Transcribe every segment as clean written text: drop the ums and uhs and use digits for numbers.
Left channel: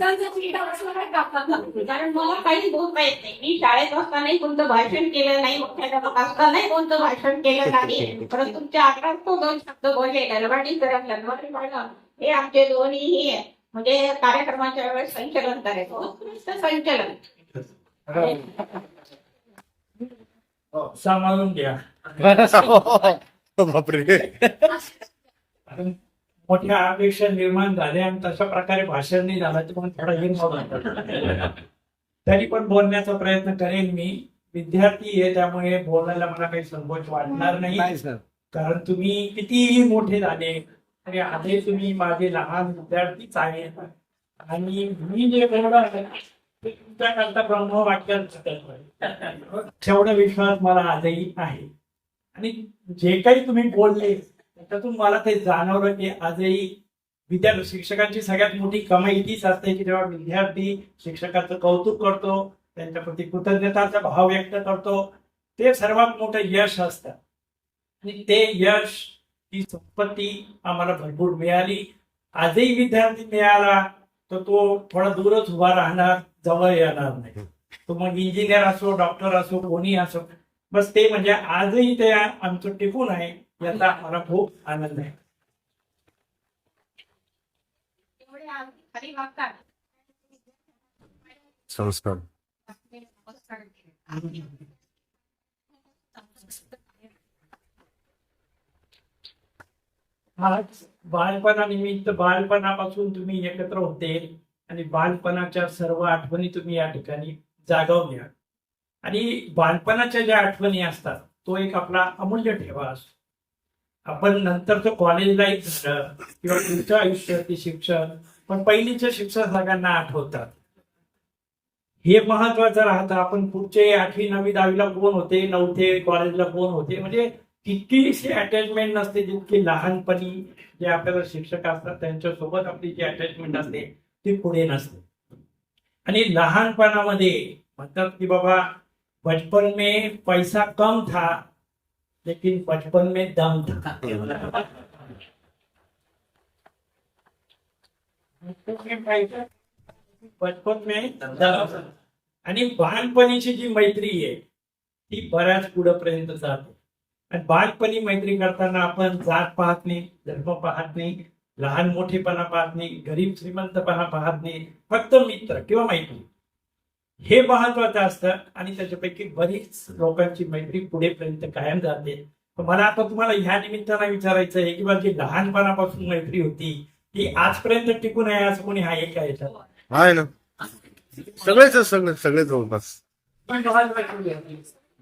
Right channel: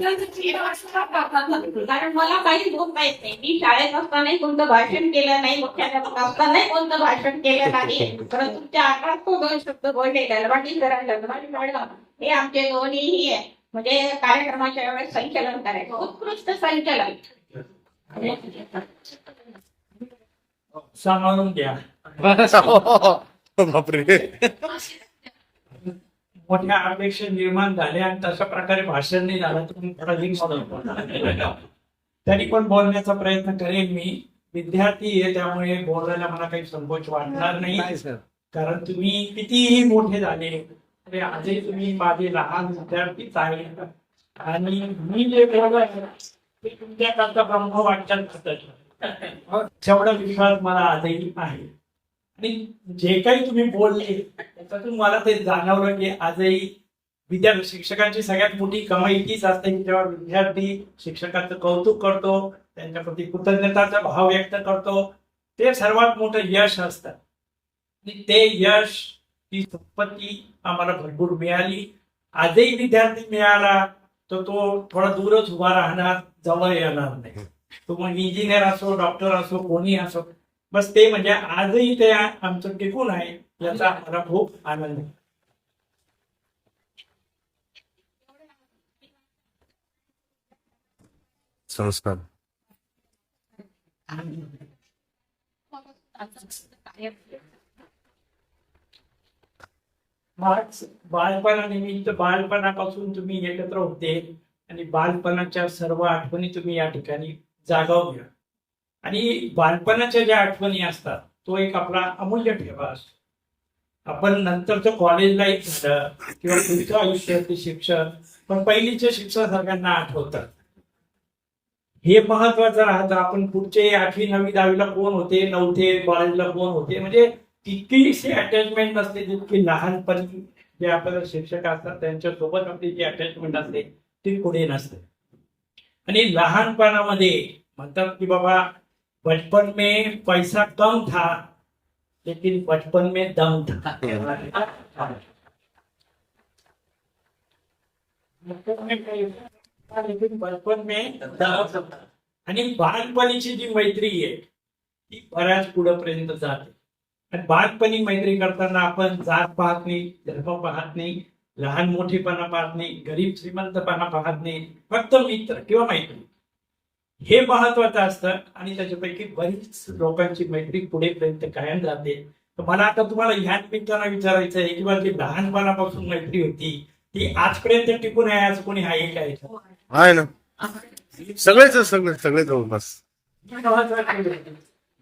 कारण मला काही बोलता येत नाही. मी शाळेत असतानाही कोणतं भाषण केलं नाही, मुख्याध्यापक असतानाही कोणतं भाषण केलं नाही. परंतु तुमच्या आकारात तो 2 शब्द बोलले. ललवाटी सर आणि ललवाटी मॅडम हे आमचे दोन्हीही आहे. म्हणजे कार्यक्रमाच्या वेळेस संचलन करायचं, उत्कृष्ट संचलन. सांभाळून घ्या. बापरे. मोठ्या अपेक्षा निर्माण झाल्या आणि तशा प्रकारे भाषण नाही झालं तर मग थोडा हिंसा तरी पण बोलण्याचा प्रयत्न करेन मी. विद्यार्थी आहे त्यामुळे बोलायला मला काही संकोच वाटणार नाही. कारण तुम्ही कितीही मोठे झाले तरी आजही तुम्ही माझे लहान विद्यार्थीच आहे. आणि मी जे बोलणार ते तुमच्याकरता ब्रह्मवाक्यात तेवढा विश्वास मला आजही आहे. आणि जे काही तुम्ही बोलले त्याच्यातून मला ते जाणवलं की आजही विद्यार्थी शिक्षकांची सगळ्यात मोठी कमाई तीच असते की जेव्हा विद्यार्थी शिक्षकांचं कौतुक करतो, त्यांच्याप्रती कृतज्ञताचा भाव व्यक्त करतो, ते सर्वात मोठं यश असतं. आणि ते यश, ती संपत्ती आम्हाला भरपूर मिळाली. आजही विद्यार्थी मिळाला तर तो थोडा दूरच उभा राहणार, जवळ येणार नाही. तो मग इंजिनियर असो, डॉक्टर असो, कोणी असो, बस ते म्हणजे आजही ते आमचं टिकून आहे याचा आम्हाला खूप आनंद आहे. संस्कार. आज बालपणानिमित्त बालपणापासून तुम्ही एकत्र होते आणि बालपणाच्या सर्व आठवणी तुम्ही या ठिकाणी जागवल्या. आणि बालपणाच्या ज्या आठवणी असतात तो एक आपला अमूल्य ठेवा असतो. आपण नंतरचं कॉलेज लाईफ झालं किंवा पुढचं आयुष्य ते शिक्षण, पण पहिलीचं शिक्षण सगळ्यांना आठवतात. हे महत्वाचं राहतं. आपण पुढचे 8वी 9वी 10वीला कोण होते, 9थे कॉलेजला कोण होते, म्हणजे तितकीशी अटॅचमेंट नसते जितकी लहानपणी जे आपल्याला शिक्षक असतात त्यांच्यासोबत आपली जी अटॅचमेंट असते ती पुढे नसते. आणि लहानपणामध्ये म्हणतात की बाबा बचपन में पैसा कम था लेकिन बचपन में दम था. बचपन में दम. आणि बालपणीची जी मैत्री आहे ती बऱ्याच पुढेपर्यंत जाते. आणि बालपणी मैत्री करताना आपण जात पाहत नाही, धर्म पाहत नाही, लहान मोठेपणा पाहत नाही, गरीब श्रीमंतपणा पाहत नाही, फक्त मित्र किंवा मैत्री हे महत्वाचं असतं. आणि त्याच्यापैकी बरीच लोकांची मैत्री पुढेपर्यंत कायम जाते. तर मला आता तुम्हाला ह्या निमित्तानं विचारायचं आहे की जी लहानपणापासून मैत्री होती ती आजपर्यंत टिकून आहे असं कोणी आहे का याच्यात? आहे ना, सगळे जवळपास.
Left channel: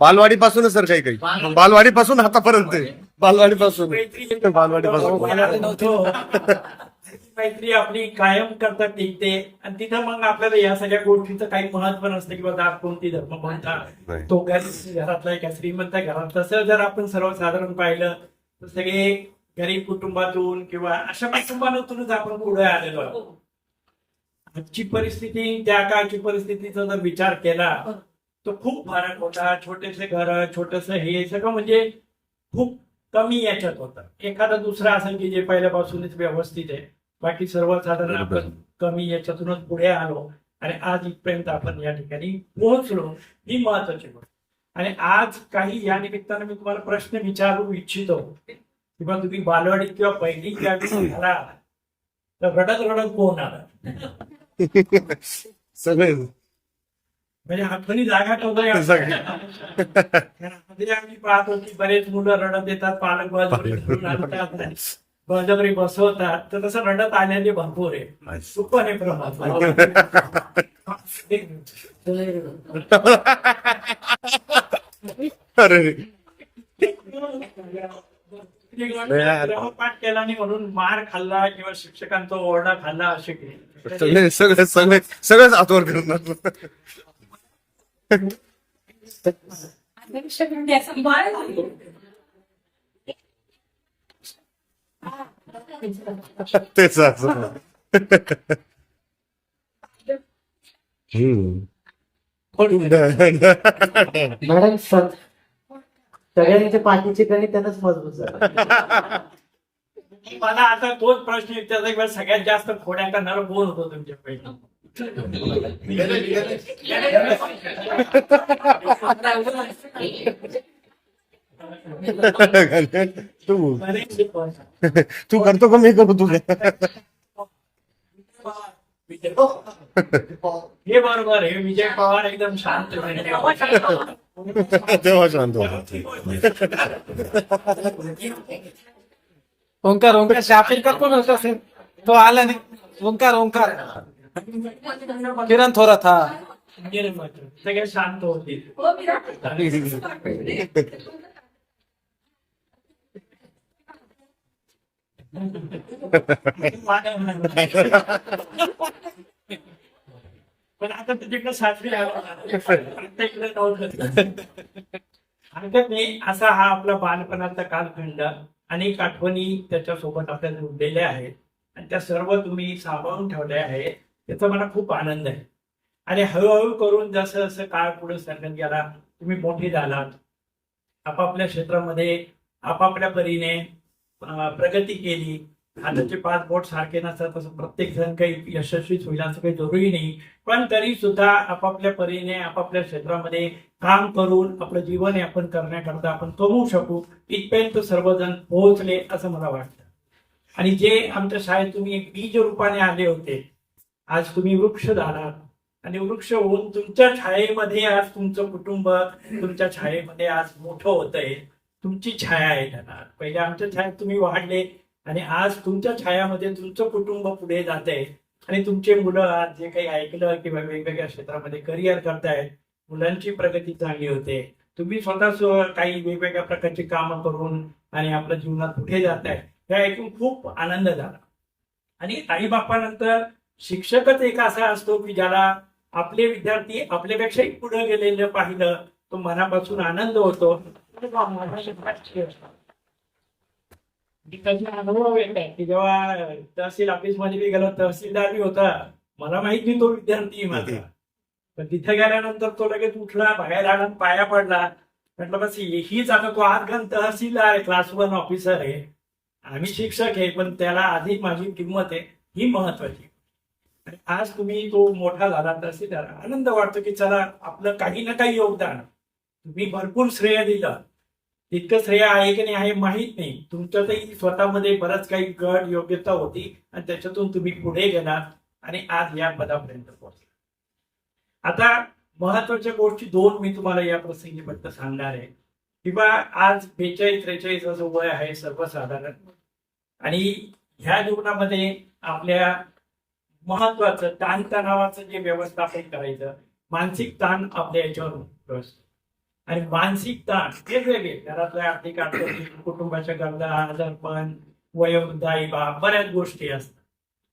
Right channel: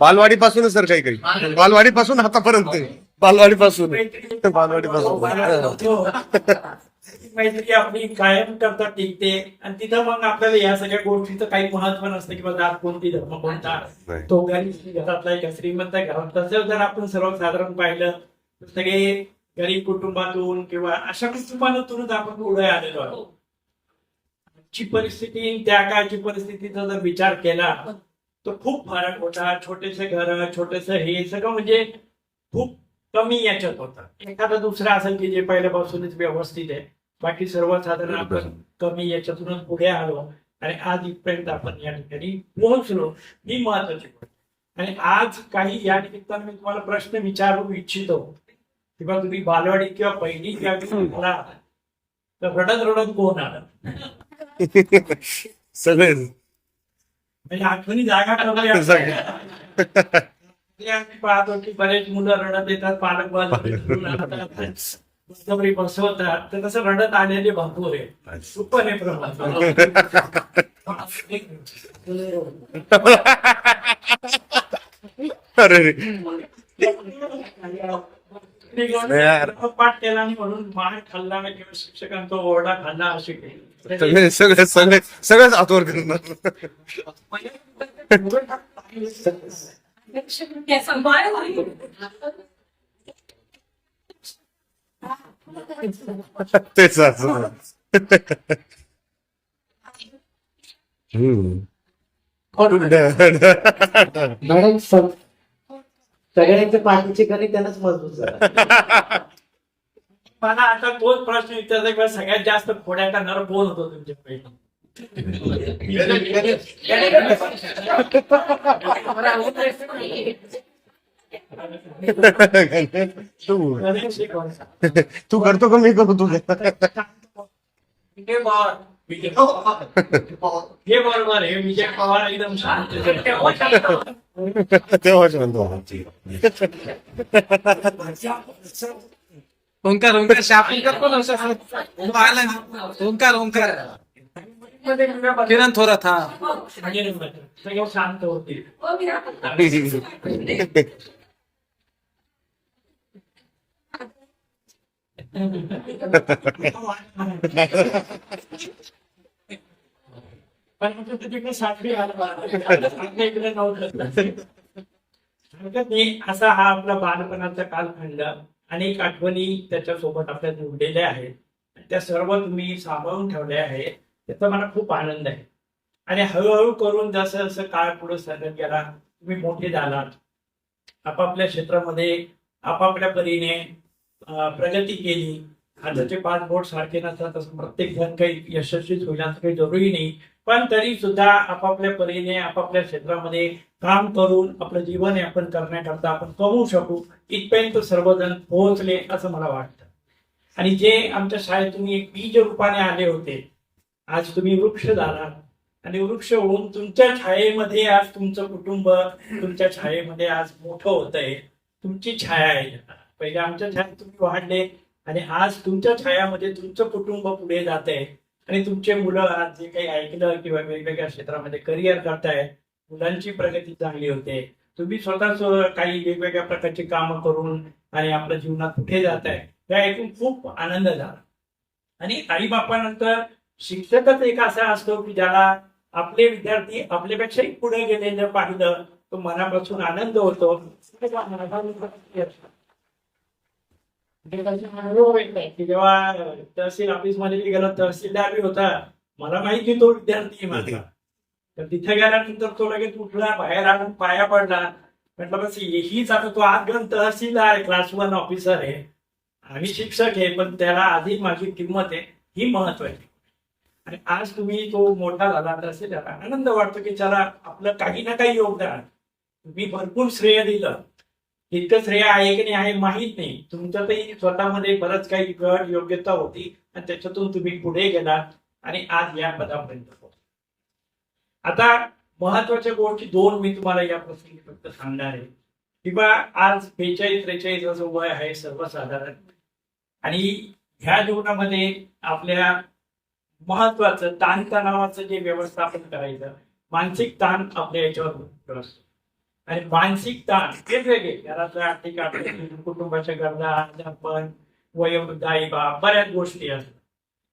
बालवाडीपासूनच सर, काही बालवाडीपासून आतापर्यंत, बालवाडीपासून. मैत्री आपली कायम करता टिकते. आणि तिथं मग आपल्याला या सगळ्या गोष्टीचं काही महत्व नसतं किंवा जात कोणती, धर्म कोणता, तो घरातला का श्रीमंत घरात. तसं जर आपण सर्वसाधारण पाहिलं तर सगळे गरीब कुटुंबातून किंवा अशा कुटुंबातूनच आपण पुढे आलेलो आहोत. आजची परिस्थिती त्या काळची परिस्थितीचा जर विचार केला तर खूप फरक होता. छोटेसे घर, छोटस हे सगळं म्हणजे खूप कमी याच्यात होतं. एखादा दुसरा असेल की जे पहिल्यापासूनच व्यवस्थित आहे, बाकी सर्वसाधारण आपण कमी याच्यातूनच पुढे आलो आणि आज इथपर्यंत आपण या ठिकाणी पोहोचलो. ही महत्वाची गोष्ट. आणि आज काही या निमित्तानं मी तुम्हाला प्रश्न विचारू इच्छितो किंवा तुम्ही बालवाडीत किंवा पहिली झाला तर रडत रडत कोण आला? सगळे म्हणजे आठवणी जागा ठेवल्या. आम्ही पाहतो की बरेच मुलं रडत येतात, पालक बळजबरी बसवतात, तर तसं रडत आलेले भरपूर आहे. सुपर आहे प्रमाण. पाठ केला नाही म्हणून मार खाल्ला किंवा शिक्षकांचा ओरडा खाल्ला असे सगळेच आतवर करणार. तेच मॅडम सगळ्यांच्या पाठीचे गणित त्यांनाच मजबूत. मला आता तोच प्रश्न विचारायचा, सगळ्यात जास्त खोड्या करणारा कोण होतो तुमच्यापैकी? तू गणेश शिकवायचा. तू करतो का मी करू तुझ्या विजय पवार हे बरोबर आहे. विजय पवार एकदम शांत आहे. तेव्हा शांत हो. ओंकार ओंकार शापिंग का कोण होता सर? तो आला नाही. ओंकार ओंकार किरण थोरात हा सगळे शांत होते. पण आता तुझ्याकडे सासरी आला. आता इकडे नव्हतं. आणि मी असा हा आपला बालपणाचा कालखंड अनेक आठवणी त्याच्यासोबत आपल्या जोडलेल्या आहेत आणि त्या सर्व तुम्ही सांभाळून ठेवल्या आहेत. त्याचा मला खूप आनंद आहे. आणि हळूहळू करून जसं जसं काळ पुढे सरकत गेला तुम्ही मोठे झालात, आपापल्या क्षेत्रामध्ये आपापल्या परीने प्रगती केली. हाताचे 5 बोट सारखे नसतात तसं प्रत्येक जण काही यशस्वीच होईल असं काही जरुरी नाही. पण तरी सुद्धा आपापल्या परीने आपापल्या क्षेत्रामध्ये काम करून आपलं जीवन यापन करण्याकरता आपण कमवू शकू इथपर्यंत सर्वजण पोहोचले असं मला वाटतं. आणि जे आमच्या शाळेत तुम्ही एक बीज रूपाने आले होते, आज तुम्ही वृक्ष झालात आणि वृक्ष होऊन तुमच्या छायेमध्ये आज तुमचं कुटुंब तुमच्या छायेमध्ये आज मोठं होतंय. तुमची छाया आहे त्यांना. पहिले आमच्या छायेत तुम्ही वाढले आणि आज तुमच्या छायामध्ये तुमचं कुटुंब पुढे जात आहे आणि तुमचे मुलं आज जे काही ऐकलं किंवा वेगवेगळ्या क्षेत्रामध्ये करिअर करतायत, मुलांची प्रगती चांगली होते. तुम्ही स्वतःच काही वेगवेगळ्या प्रकारची कामं करून आणि आपल्या जीवनात पुढे जात आहे हे ऐकून खूप आनंद झाला. आणि आईबापानंतर शिक्षकच एक असा असतो की ज्याला आपले विद्यार्थी आपल्यापेक्षाही पुढे गेलेलं पाहिलं तो मनापासून आनंद होतो. अनुभव येत आहे की जेव्हा तहसील ऑफिस मध्ये गेलो, तहसीलदार बी होता, मला माहिती तो विद्यार्थी माझा. तर तिथे गेल्यानंतर तो लगेच उठला, बाहेर आला, पाया पडला. म्हटलं बस हीच आता तो आजगण तहसीलदार आहे, क्लास 1 ऑफिसर आहे, आम्ही शिक्षक आहे, पण त्याला आधी माझी किंमत आहे ही महत्वाची. आणि आज तुम्ही तो मोठा झाला तहसीलदार, आनंद वाटतो की चला आपलं काही ना काही योगदान. तुम्ही भरपूर श्रेय दिलं, इतकं श्रेय आहे की नाही आहे माहीत नाही. तुमच्यातही स्वतःमध्ये बरंच काही गट योग्यता होती आणि त्याच्यातून तुम्ही पुढे गेलात आणि आज या पदापर्यंत पोहोचला. आता महत्वाच्या गोष्टी 2 मी तुम्हाला या प्रसंगीबद्दल सांगणार आहे. किंवा आज 42-43 असं वय आहे सर्वसाधारण. आणि ह्या जीवनामध्ये आपल्या महत्वाचं ताणतणावाचं जे व्यवस्थापन करायचं, मानसिक ताण आपल्या याच्यावर असतो. आणि मानसिक ताण वेगवेगळे घरातल्या आर्थिक अडचणी, कुटुंबाच्या गरजा, आजारपण, वयोवृद्ध आई बाप, बऱ्याच गोष्टी असतात.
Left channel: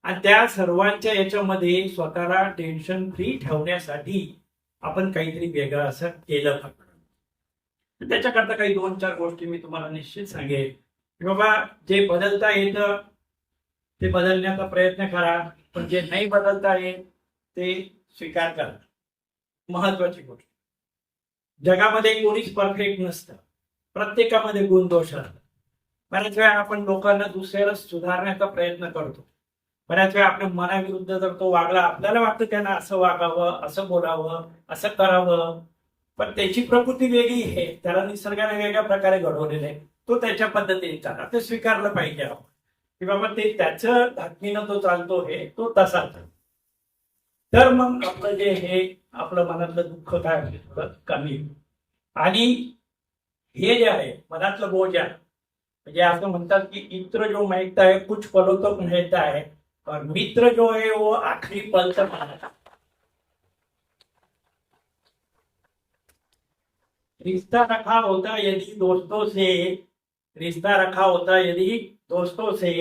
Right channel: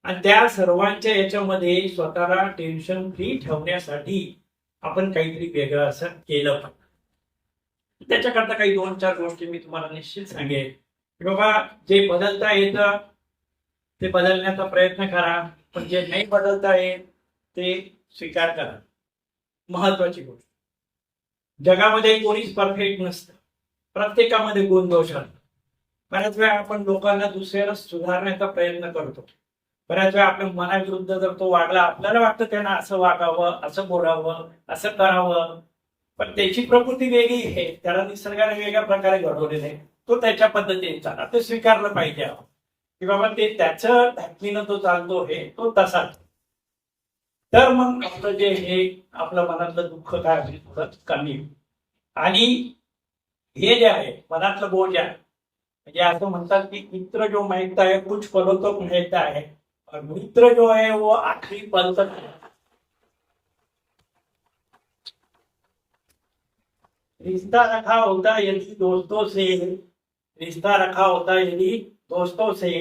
आणि त्या सर्वांच्या याच्यामध्ये स्वतःला टेन्शन फ्री ठेवण्यासाठी आपण काहीतरी वेगळं असं केलं पाहिजे. त्याच्याकरता काही 2-4 गोष्टी मी तुम्हाला निश्चित सांगेन की बाबा जे बदलता येतं ते बदलण्याचा प्रयत्न करा, पण जे नाही बदलता येत ते स्वीकार करा. महत्वाची गोष्ट, जगामध्ये कोणीच परफेक्ट नसतं, प्रत्येकामध्ये गुण दोष असतात. बऱ्याच वेळा आपण लोकांना दुसऱ्याला सुधारण्याचा प्रयत्न करतो. बऱ्याच वेळा आपल्या मनाविरुद्ध जर तो वागला, आपल्याला वाटतं त्यांना असं वागावं, असं बोलावं, असं करावं, पण त्याची प्रकृती वेगळी आहे, त्याला निसर्गाने वेगळ्या प्रकारे घडवलेलं आहे, तो त्याच्या पद्धतीने चालला, ते स्वीकारलं पाहिजे की बाबा ते त्याचं धाकणीनं तो चालतो हे तो तसाच. तर मग आपलं जे हे आपलं मनातलं दुःख काय असेल थोडं कमी होईल. आणि हे जे आहे मनातलं बोज आहे, म्हणजे असं म्हणतात की इत्र जो माहित आहे कुछ पलो तो कहता है और मित्र जो है वो आखिरी पल तक रहता है. रिश्ता रखा होता यदि दोस्तों से, रिश्ता रखा होता यदि दोस्तों से,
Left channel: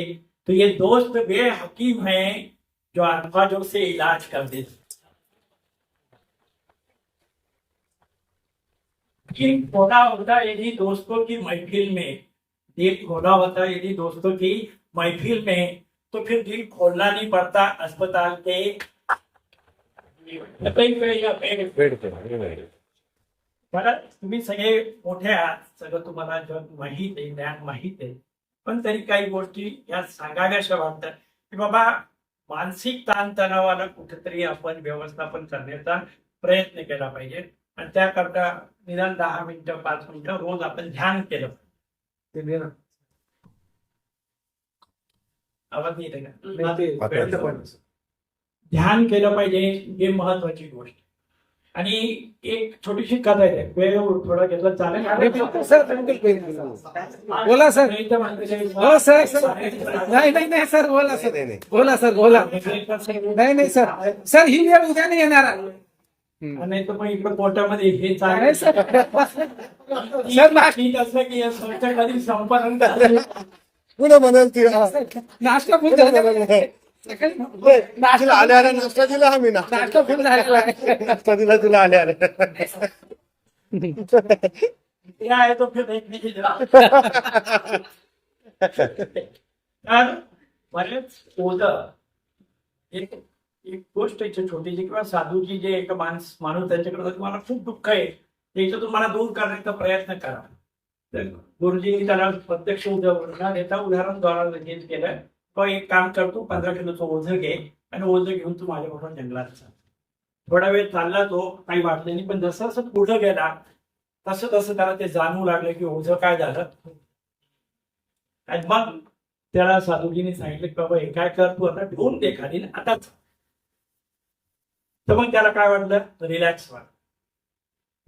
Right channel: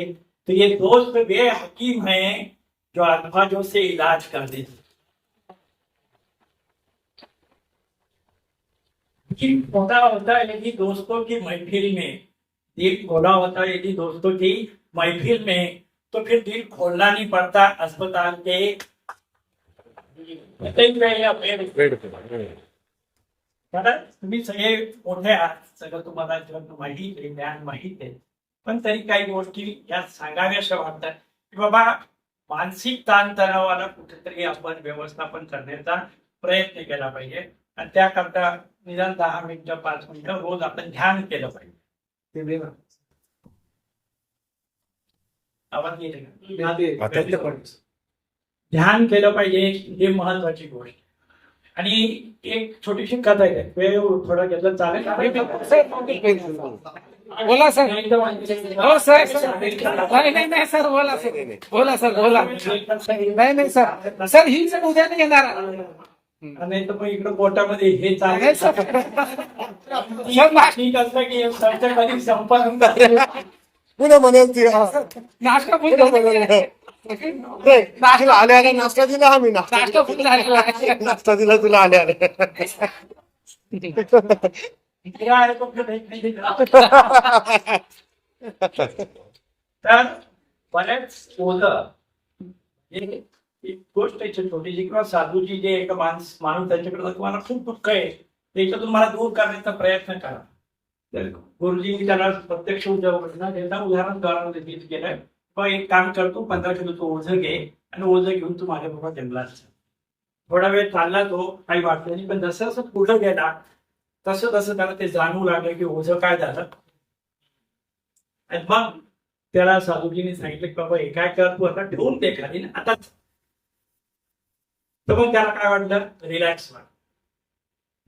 तो ये दोस्त वे हकीम हैं जो अल्फाजों से इलाज कर देते. दिल खोला होता यदि दोस्तों की महफिल में, दिल खोला होता यदि दोस्तों की महफिल में, तो फिर दिल खोलना नहीं पड़ता अस्पताल के कारण तुम्ही सगळे मोठे आहात, सगळं तुम्हाला जग माहीत आहे, ज्ञान माहीत आहे, पण तरी काही गोष्टी या सांगाव्याशा वाटतात की बाबा मानसिक ताणतणावाला कुठेतरी आपण व्यवस्थापन करण्याचा प्रयत्न केला पाहिजे आणि त्याकरता निदान 10 मिनिटं 5 मिनिटं रोज आपण ध्यान केलं पाहिजे. आवाज येते का? आता ध्यान केलं पाहिजे ही महत्वाची गोष्ट. आणि एक छोटीशी कथा आहे, वेळ थोडा घेतला चालेल? सर बोला सर. हो सर नाही सर बोला सर. बोला सर बोला. नाही सर. सर ही वेळ उद्या नाही येणार. नाही तर मग इकडे पोटामध्ये हे नाही चालेल सर. सर ठीक असलं की सरकारी संपादन पुढे म्हणाल ती नाश्ता फुल पुढे झालेला आहे. तिला आले आले नाश्ता दिला आम्ही नाश्ता फुल झालेला आहे. नाश्ता दिला तुला आले आले इकडे आहे तो फिर एक नाही दिला. तर बरेच ओझं एक गोष्ट आहे छोटीशी किंवा साधूची जे एक माणूस त्याच्याकडे तुम्हाला खूप दुःख आहे त्याच्यातून मला दूर करण्याचा प्रयत्न करा. तर गुरुजींनी त्याला प्रत्यक्ष न देता उदाहरण हेच केलं, पण एक काम करतो 15 किलोचं ओझं घे आणि ओझं घेऊन तू माझ्याबरोबर जंगलात जा. थोडा वेळ चालला तो, काही वाटलं नाही, पण जसं जसं पुढं गेला तसं तसं त्याला ते जाणवू लागलं की ओझं काय झालं. आणि मग त्याला साधूजींनी सांगितलं की बाबा हे काय कर, तू आता ठेवून दे खाली आताच. तर मग त्याला काय वाटलं, रिलॅक्स व्हा.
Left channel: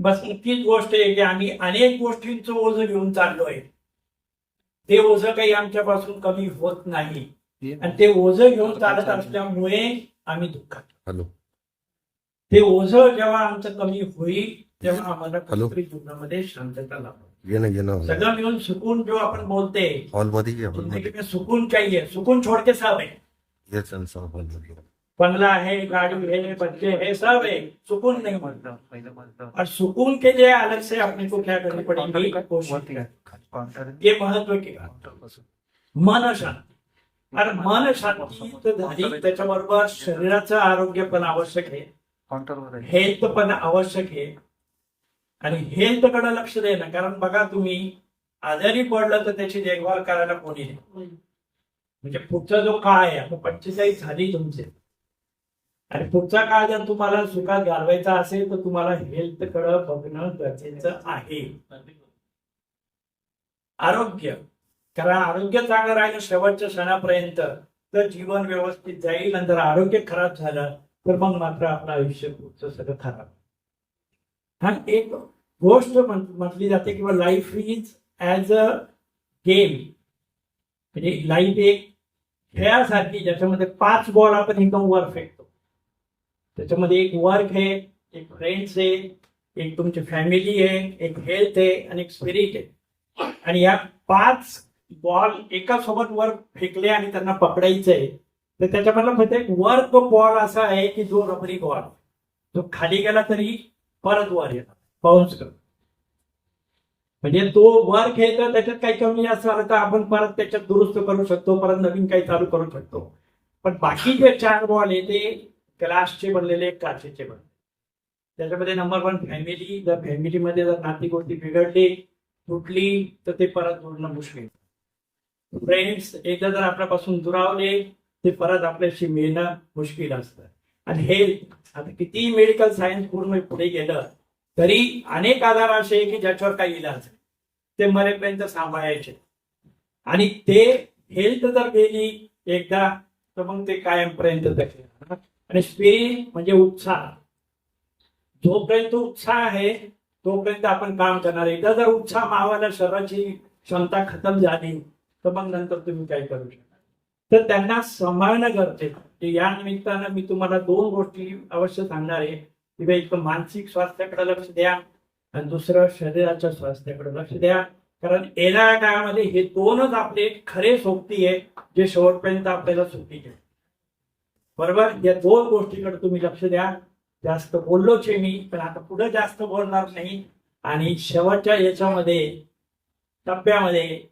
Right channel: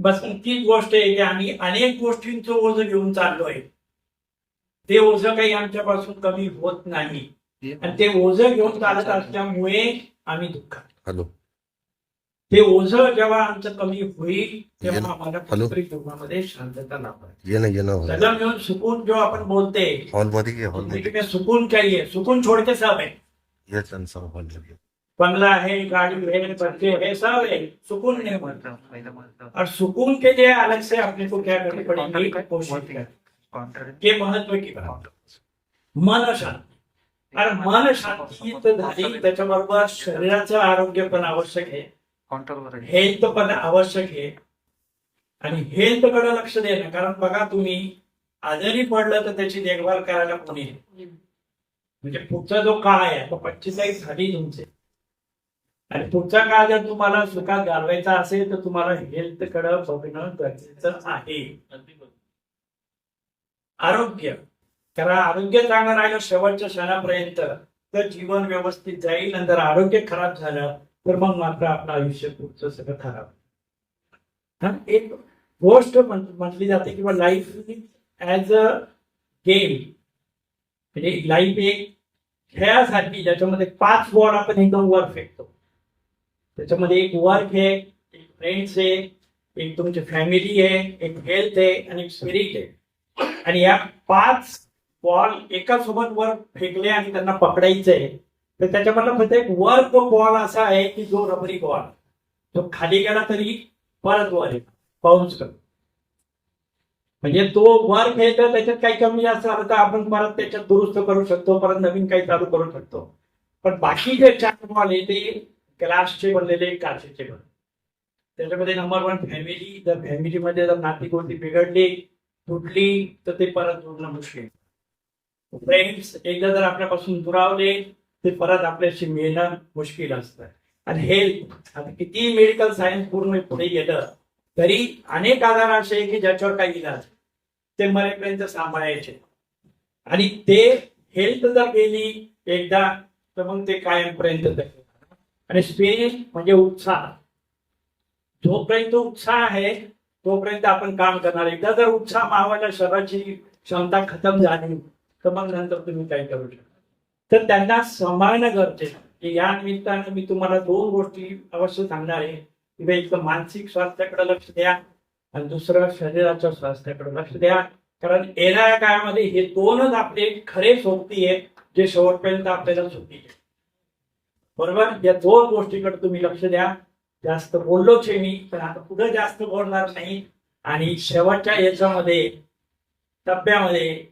बस तीच गोष्ट आहे की आम्ही अनेक गोष्टींचं ओझं घेऊन चाललोय. ते ओझं काही आमच्यापासून कमी होत नाही आणि ते ओझं घेऊन चालत असल्यामुळे आम्ही दुःखात. हॅलो. ते ओझं जेव्हा आमचं कमी होईल तेव्हा आम्हाला कुठेतरी जीवनामध्ये शांतता लाभेल. ये ना सगळं मिळून सुकून जो आपण बोलते हॉलमध्ये ये हॉलमध्ये जिंदगी में सुकून चाहिए, सुकून छोड़ के सब है. ये हॉलमध्ये बंगला है, गाड़ी है, बच्चे है, सब है, सुकून नहीं मिलता. और सुकून के लिए अलग से अपने को क्या करनी पड़ेगी, कोशिश करनी. ये महत्व की बात. मन शांती. आणि मन शांती तर झाली त्याच्याबरोबर शरीराचं आरोग्य पण आवश्यक आहे, हेल्थ पण आवश्यक आहे. आणि हेल्थ कडे लक्ष देणं, कारण बघा तुम्ही आजारी पडलं तर त्याची देखभाल करायला कोणी आहे. म्हणजे पुढचा जो काळ आहे, आता 45 झाली तुमचे, आणि पुढचा काळ जर तुम्हाला सुखात घालवायचा असेल तर तुम्हाला हेल्थ कडे बघणं गरजेचं आहे. आरोग्य, कारण आरोग्य चांगलं राहिलं शेवटच्या क्षणापर्यंत तर जीवन व्यवस्थित जाईल. नंतर आरोग्य खराब झालं तर मग मात्र आपलं आयुष्य पुढचं सगळं खराब. हा एक गोष्ट म्हटली जाते किंवा life is as a game, म्हणजे लाईफ एक खेळासारखी ज्याच्यामध्ये 5 बॉल आपण एकदम वर फेकतो. त्याच्यामध्ये एक वर्क आहे, एक फ्रेंड्स आहे, एक तुमची फॅमिली आहे, एक हेल्थ आहे आणि एक स्पिरिट आहे. आणि या 5 बॉल एका सोबत वर फेकले आणि त्यांना पकडायचं आहे तर त्याच्यामधला फक्त एक वर्क बॉल असा आहे की जो रबरी बॉल, तो खाली गेला तरी परत वर येतो, बाउन्स करतो. म्हणजे तो वर्क आहे तर त्याच्यात काही कमी जास्त झालं तर आपण परत त्याच्यात दुरुस्त करू शकतो, परत नवीन काही चालू करू शकतो. पण बाकी जे 4 बॉल आहे ते ग्लासचे बनलेले, काचेचे बनले. त्याच्यामध्ये नंबर 1 फॅमिली. जर फॅमिलीमध्ये जर नाती गोष्टी बिघडली, तुटली तर ते परत जोडणं मुश्किल. फ्रेंड्स एकदा जर आपल्यापासून दुरावले ते परत आपल्याशी मिळणं मुश्किल असतं. आणि हेल्थ, आता किती मेडिकल सायन्स पूर्ण पुढे गेलं तरी अनेक आजार असे की ज्याच्यावर काही इलाज ते मरेपर्यंत सांभाळायचे. आणि ते हेल्थ जर गेली एकदा तर मग ते कायमपर्यंत. आणि स्पिरिट म्हणजे उत्साह. जोपर्यंत उत्साह आहे तोपर्यंत आपण काम करणार. एकदा जर उत्साह मावायला शरीराची क्षमता खतम झाली तर मग नंतर तुम्ही काय करू शकता. तर त्यांना सांभाळणं गरजेचं. या निमित्तानं मी तुम्हाला 2 गोष्टी अवश्य सांगणार आहे की एक मानसिक स्वास्थ्याकडे लक्ष द्या आणि दुसरं शरीराच्या स्वास्थ्याकडे लक्ष द्या. कारण येणाऱ्या काळामध्ये हे 2च आपले खरे सोबती आहे जे शेवटपर्यंत आपल्याला सोबती आहे. बरोबर, या 2 गोष्टीकडे तुम्ही लक्ष द्या. जास्त बोललोच आहे मी, पण आता पुढे जास्त बोलणार नाही. आणि शेवटच्या याच्यामध्ये टप्प्यामध्ये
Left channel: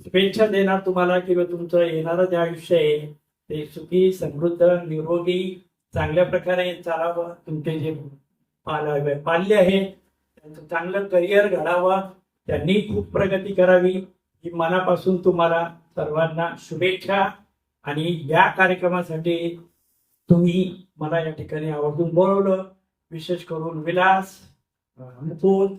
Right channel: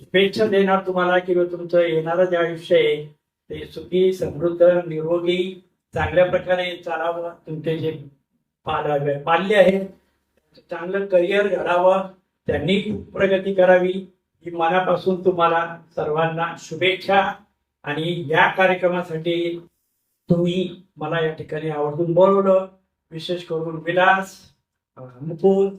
शुभेच्छा देणार तुम्हाला की तुमचं येणारं जे आयुष्य आहे ते सुखी, समृद्ध, निरोगी, चांगल्या प्रकारे चालावं. तुमचे जे पाल्य आहे त्यांचं चांगलं करिअर घडावं, त्यांनी खूप प्रगती करावी ही मनापासून तुम्हाला सर्वांना शुभेच्छा. आणि या कार्यक्रमासाठी तुम्ही मला या ठिकाणी आवर्जून बोलवलं. विशेष करून विलास, मुकुल,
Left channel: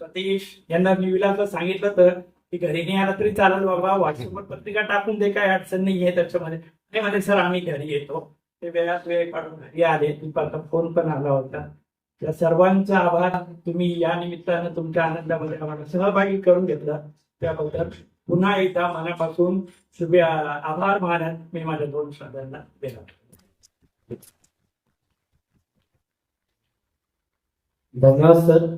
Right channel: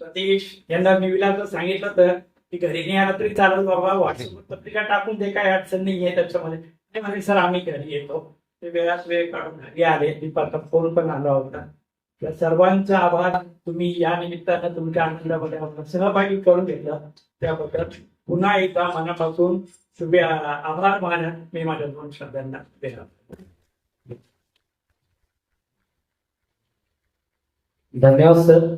सतीश यांना मी विलासला सांगितलं तर की घरी नाही आला तरी चालेल बाबा, व्हॉट्सअपवर पत्रिका टाकून दे, काय अडचण नाही आहे त्याच्यामध्ये. ते म्हणे सर आम्ही घरी येतो. ते वेळात वेळ काढून घरी आले. दीपाचा फोन पण आला होता. त्या सर्वांचा आभार. तुम्ही या निमित्तानं तुमच्या आनंदामध्ये आम्हाला सहभागी करून घेतलं त्याबद्दल पुन्हा एकदा मनापासून आभार मानत मी माझ्या 2 शब्दांना देणार. धन्यवाद सर.